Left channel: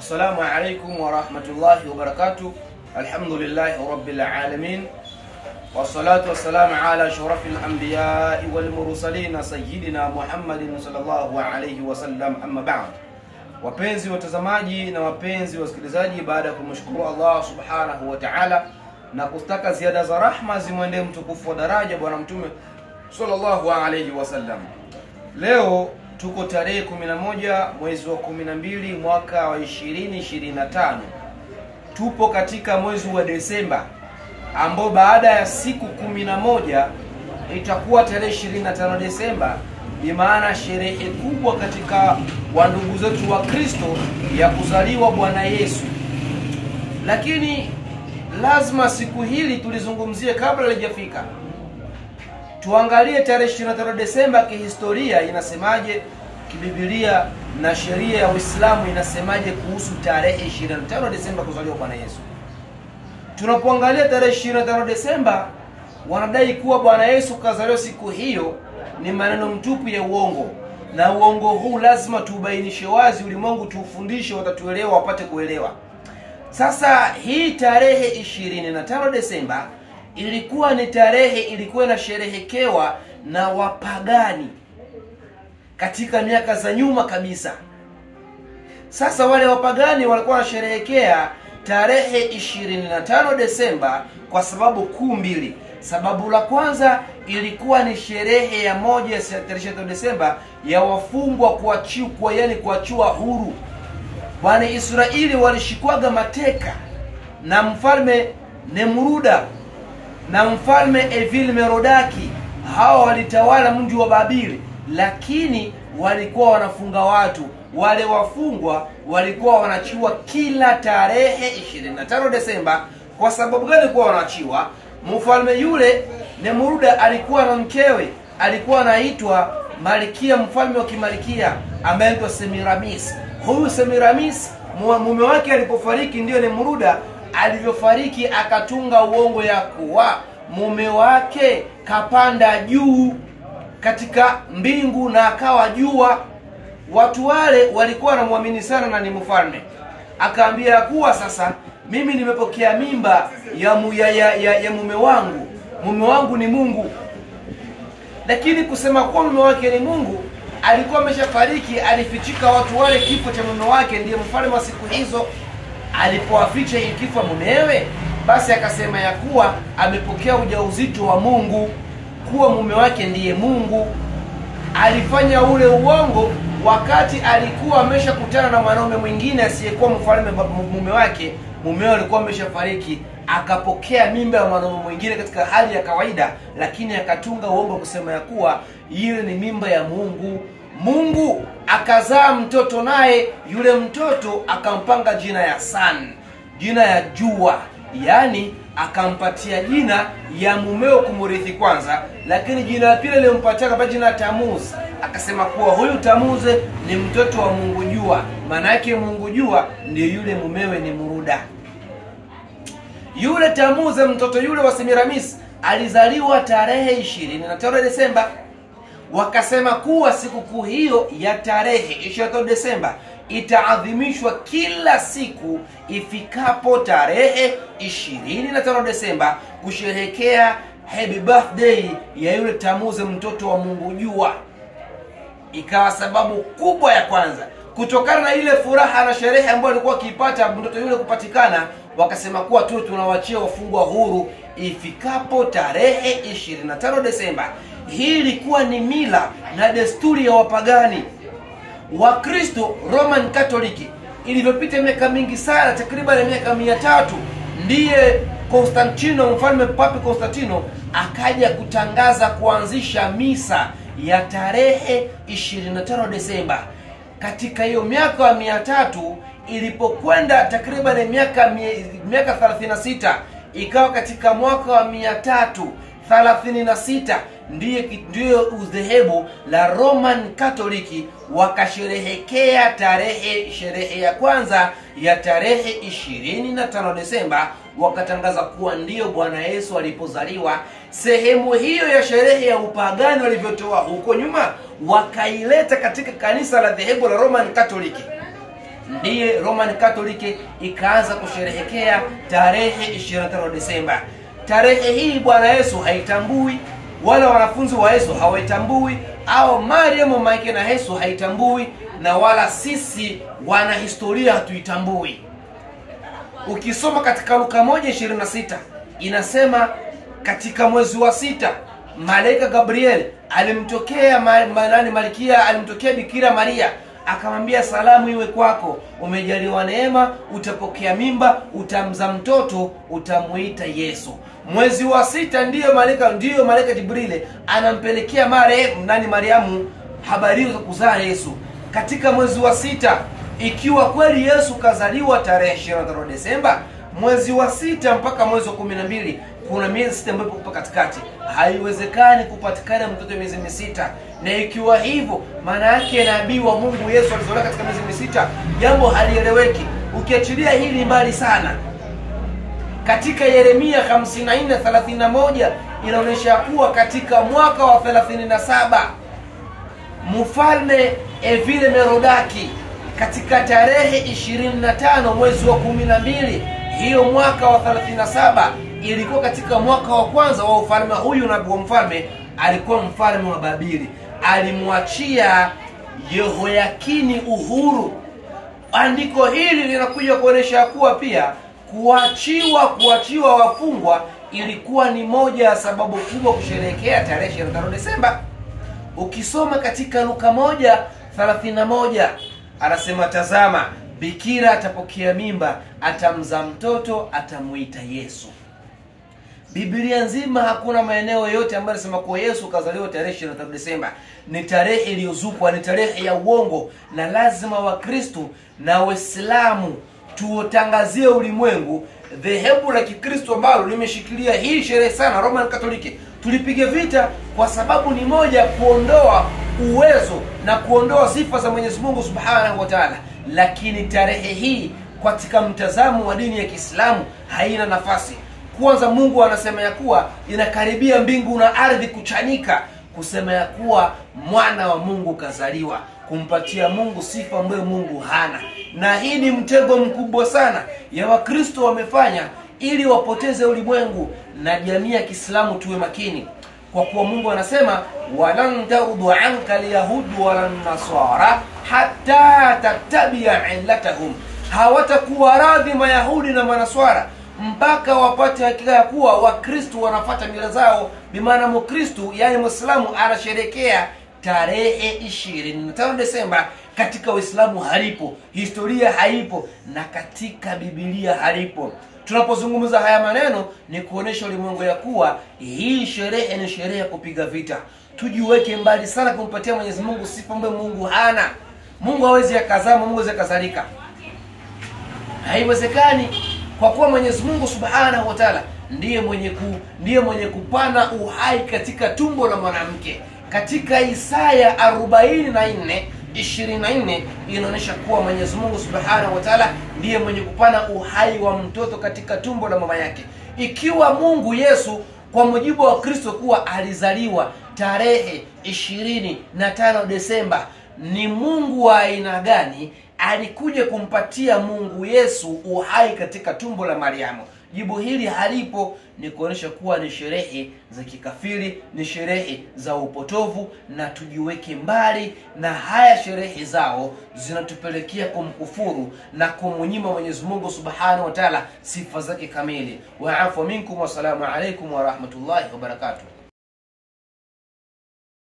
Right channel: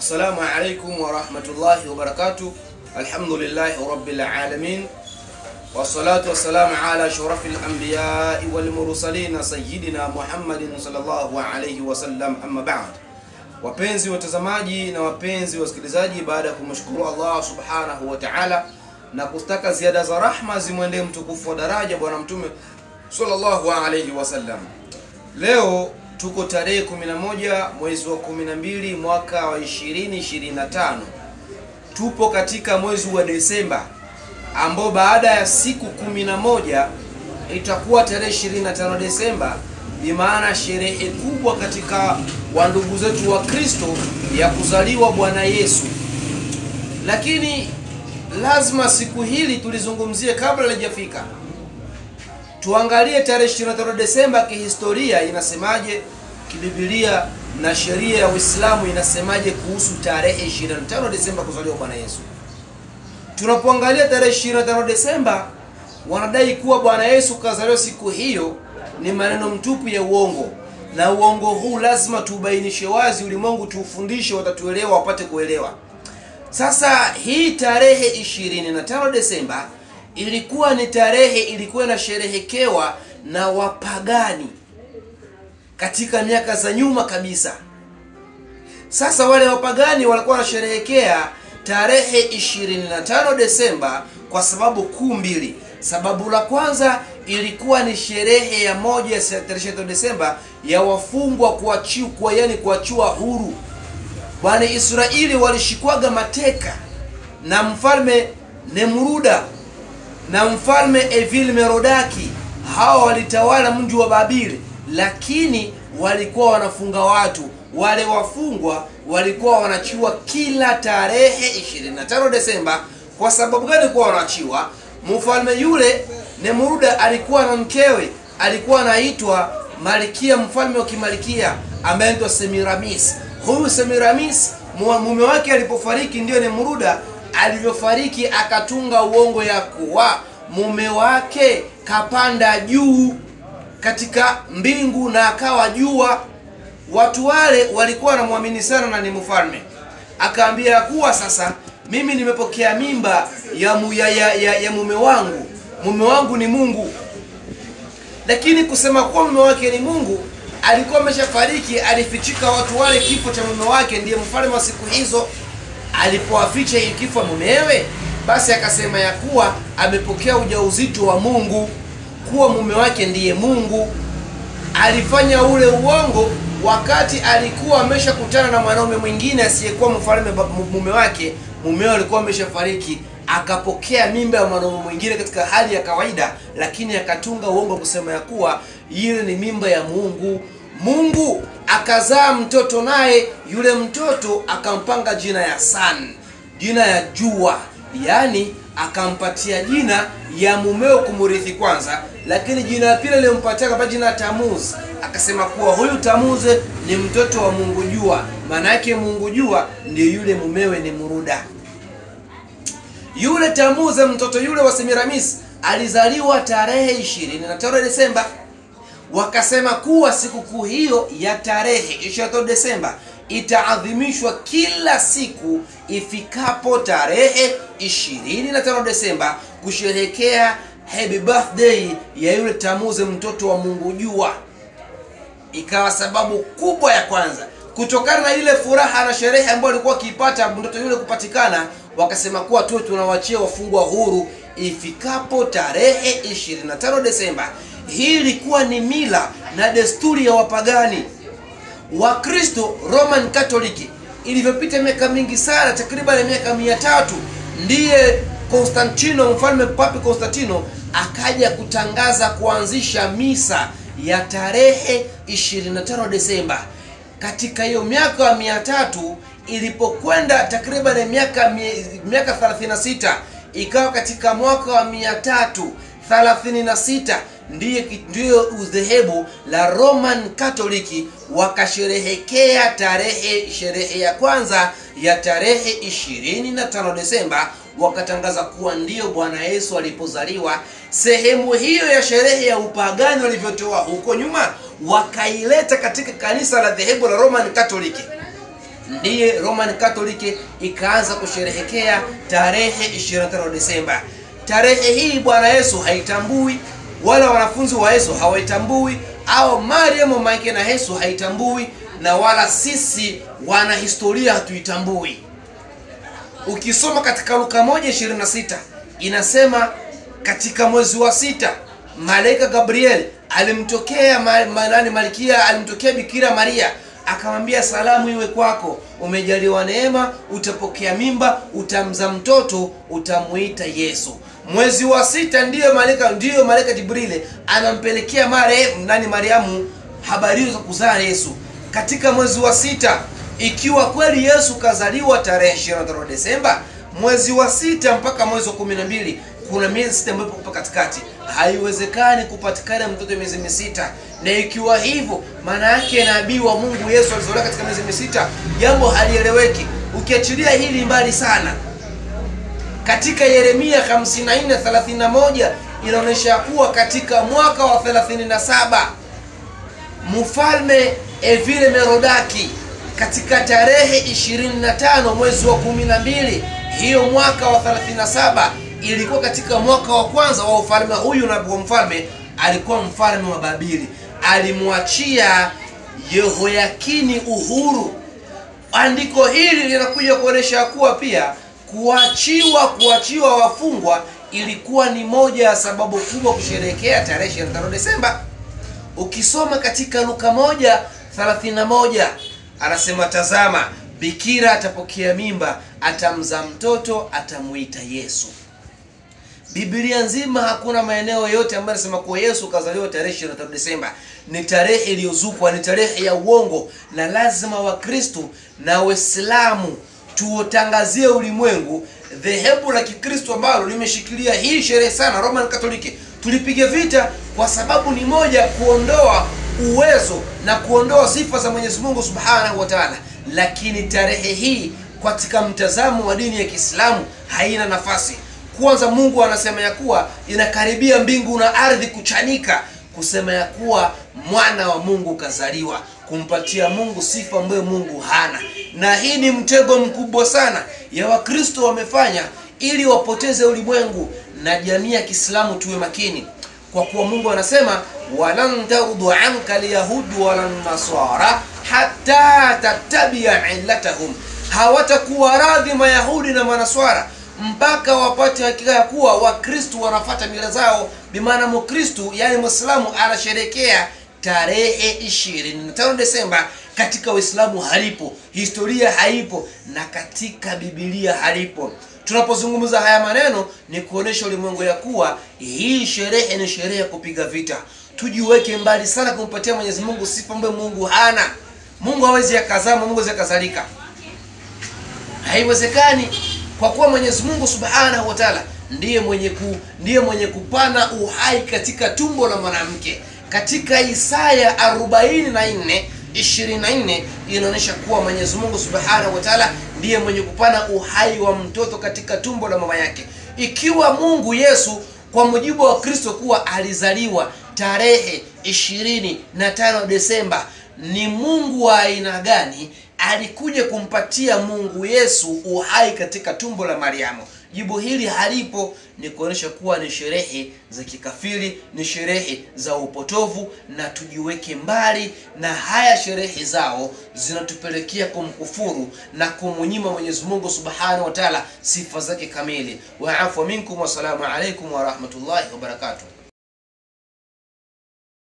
Assalamu alaikum wa rahmatullahi wa barakatuh. Alhamdulillahi rabbil alamin. Wassalatu wassalamu ala shurafil anbiya'i wal mursalin sayyidina Muhammadin sallallahu alayhi wa sallam, amma ba'd. Wapenzi watazamaji na wapenzi wasikilizaji, baada ya kumshukuru Allah subhanahu wa ta'ala na kustaka ziada za rahma zimwendee mtukufu wa daraja bwana mtume sallallahu alayhi wa sallam, leo tuko tarehe 11 mwezi wa 12 mwaka wa 2025. Tupo katika mwezi wa Desemba, ambao baada ya siku 11 itakuwa tarehe 25 Desemba, bimaana sherehe kubwa katika wandugu zetu wa Kristo ya kuzaliwa Bwana Yesu. Lakini lazima siku hili tulizungumzie kabla halijafika. Tuangalie tarehe 25 Desemba kihistoria inasemaje, kibiblia na sheria ya Uislamu inasemaje kuhusu tarehe 25 Desemba kuzaliwa Bwana Yesu. Tunapoangalia tarehe 25 Desemba, wanadai kuwa Bwana Yesu kazaliwa siku hiyo, ni maneno mtupu ya uongo. Na uongo huu lazima tubainishe wazi, ulimwengu tuufundishe, watatuelewa, wapate kuelewa. Sasa hii tarehe 25 Desemba ilikuwa ni tarehe ilikuwa inasherehekewa na wapagani katika miaka za nyuma kabisa. Sasa wale wapagani walikuwa wanasherehekea tarehe 25 Desemba kwa sababu kuu mbili. Sababu la kwanza ilikuwa ni sherehe ya moja ya tarehe 25 Desemba ya wafungwa kuachiwa, yani kuachiwa huru. Bwana Israeli walishikwaga mateka na mfalme Nemruda na mfalme Evil Merodaki. Hawa walitawala mji wa Babeli, lakini walikuwa wanafunga watu. Wale wafungwa walikuwa wanachiwa kila tarehe 25 Desemba. Kwa sababu gani kwa wanachiwa? Mfalme yule Nemruda alikuwa na mkewe, alikuwa anaitwa Malkia, mfalme wa Kimalikia ambaye anaitwa Semiramis. Huyu Semiramis mume wake alipofariki, ndio Nemruda alivyofariki akatunga uongo ya kuwa mume wake kapanda juu katika mbingu na akawa jua. Watu wale walikuwa wanamwamini sana na ni mfalme. Akaambia kuwa sasa mimi nimepokea mimba ya mume wangu. Mume wangu ni Mungu. Lakini kusema kuwa mume wake ni Mungu, alikuwa ameshafariki, alifichika watu wale kifo cha mume wake. Ndiye mfalme wa siku hizo alipowaficha hii kifo mumewe, basi akasema ya kuwa amepokea ujauzito wa Mungu, kuwa mume wake ndiye Mungu. Alifanya ule uongo wakati alikuwa ameshakutana na mwanaume mwingine asiyekuwa mfalme mume wake. Mumewe alikuwa ameshafariki, akapokea mimba ya mwanaume mwingine katika hali ya kawaida, lakini akatunga uongo kusema ya kuwa ile ni mimba ya Mungu. Mungu akazaa mtoto, naye yule mtoto akampanga jina ya Sun, jina ya jua, yani akampatia jina ya mumeo kumurithi kwanza, lakini jina la pili aliyompatia kama jina Tamuz. Akasema kuwa huyu Tamuz ni mtoto wa Mungu jua, maana yake Mungu jua ndiyo yule mumewe ni Muruda. Yule Tamuz, mtoto yule wa Semiramis, alizaliwa tarehe 25 Desemba. Wakasema kuwa sikukuu hiyo ya tarehe 25 Desemba itaadhimishwa kila siku ifikapo tarehe 25 Desemba kusherehekea happy birthday ya yule Tamuz, mtoto wa Mungu jua. Ikawa sababu kubwa ya kwanza, kutokana na ile furaha na sherehe ambayo alikuwa akipata mtoto yule kupatikana, wakasema kuwa tu tunawachia wafungwa huru ifikapo tarehe 25 Desemba. Hii ilikuwa ni mila na desturi ya wapagani. Wakristo Roman Catholic ilivyopita miaka mingi sana, takriban miaka 300, ndiye Konstantino, mfalme Papi Konstantino, akaja kutangaza kuanzisha misa ya tarehe 25 Desemba. Katika hiyo miaka ya 300 ilipokwenda takriban miaka 36, ikawa katika mwaka wa 336 ndiyo udhehebu la Roman Catholic wakasherehekea sherehe ya kwanza ya tarehe 25 Desemba, wakatangaza kuwa ndiyo Bwana Yesu alipozaliwa. Sehemu hiyo ya sherehe ya upagani walivyotoa huko nyuma, wakaileta katika kanisa la dhehebu la Roman Catholic. ndiye Roman Catholic ikaanza kusherehekea tarehe 25 Desemba. Tarehe hii Bwana Yesu haitambui, wala wanafunzi wa Yesu hawaitambui, au Mariamu mama na Yesu haitambui, na wala sisi wana historia hatuitambui. Ukisoma katika Luka 1:26 inasema katika mwezi wa 6 malaika Gabriel alimtokea Malkia, alimtokea Bikira Maria, akamwambia salamu iwe kwako, umejaliwa neema, utapokea mimba, utamzaa mtoto, utamuita Yesu. Mwezi wa 6 ndiyo malaika Jibril anampelekea Mariamu habari za kuzaa Yesu. Katika mwezi wa 6, ikiwa kweli Yesu kazaliwa tarehe 25 Desemba, mwezi wa 6 mpaka mwezi wa 12 kuna miezi 6 ambayo ipo katikati. Haiwezekani kupatikana mtoto miezi 6. Na ikiwa hivyo, maana yake nabii wa Mungu Yesu alizaliwa katika miezi 6, jambo halieleweki. Ukiachilia hili mbali sana, katika Yeremia 54:31 inaonyesha kuwa katika mwaka wa 37 Mfalme Evile Merodaki katika tarehe 25 mwezi wa 12, hiyo mwaka wa 37 ilikuwa katika mwaka wa kwanza wa ufalme huyu. Nabii wa mfalme alikuwa mfalme wa Babeli, alimwachia Yehoyakini uhuru. Andiko hili linakuja kuonesha kuwa pia kuachiwa wafungwa ilikuwa ni moja ya sababu kubwa kusherehekea tarehe 25 Desemba. Ukisoma katika Luka 1:31 anasema, tazama, bikira atapokea mimba, atamzaa mtoto, atamuita Yesu. Biblia nzima hakuna maeneo yote ambayo yanasema kwa Yesu kazaliwa tarehe 25 Desemba. Ni tarehe iliyozukwa, ni tarehe ya uongo, na lazima Wakristo na Waislamu tuutangazie ulimwengu. Dhehebu la Kikristo ambalo limeshikilia hii sherehe sana, Roman Catholic, tulipiga vita kwa sababu ni moja, kuondoa uwezo na kuondoa sifa za Mwenyezi Mungu Subhanahu wa Ta'ala. Lakini tarehe hii katika mtazamo wa dini ya Kiislamu haina nafasi. Kwanza Mungu anasema ya kuwa inakaribia mbingu na ardhi kuchanika, kusema ya kuwa mwana wa Mungu kazaliwa, kumpatia Mungu sifa ambayo Mungu hana. Na hii ni mtego mkubwa sana ya Wakristo wamefanya ili wapoteze ulimwengu na jamii ya Kiislamu. Tuwe makini, kwa kuwa Mungu anasema, walan tardu anka alyahudu walan nasara hatta tattabi'a millatahum, hawatakuwa radhi Mayahudi na Manaswara mpaka wapate hakika ya kuwa Wakristo wanafuata mila zao. Bimaana Mkristo, yani Muislamu, anasherehekea tarehe 25 Desemba. Katika Uislamu halipo, historia haipo, na katika Biblia halipo. Tunapozungumza haya maneno ni kuonesha ulimwengu ya kuwa hii sherehe ni sherehe ya kupiga vita. Tujiweke mbali sana kumpatia Mwenyezi Mungu sifa ambayo Mungu hana. Mungu hawezi akazama, Mungu hawezi akazalika, haiwezekani, kwa kuwa Mwenyezi Mungu Subhanahu wa Ta'ala ndiye mwenye kupana uhai katika tumbo la mwanamke. Katika Isaya 44:24 inaonyesha kuwa Mwenyezi Mungu Subhanahu wa Ta'ala ndiye mwenye kupana uhai wa mtoto katika tumbo la mama yake. Ikiwa Mungu Yesu kwa mujibu wa Kristo kuwa alizaliwa tarehe 25 Desemba, ni Mungu wa aina gani alikuja kumpatia Mungu Yesu uhai katika tumbo la Mariamu? Jibu hili halipo. Ni kuonesha kuwa ni sherehe za kikafiri, ni sherehe za upotovu, na tujiweke mbali na haya sherehe zao. Zinatupelekea kumkufuru na kumnyima Mwenyezi Mungu Subhanahu wa Ta'ala sifa zake kamili. Wa afu minkum, wa salamu alaykum wa rahmatullahi wa barakatuh.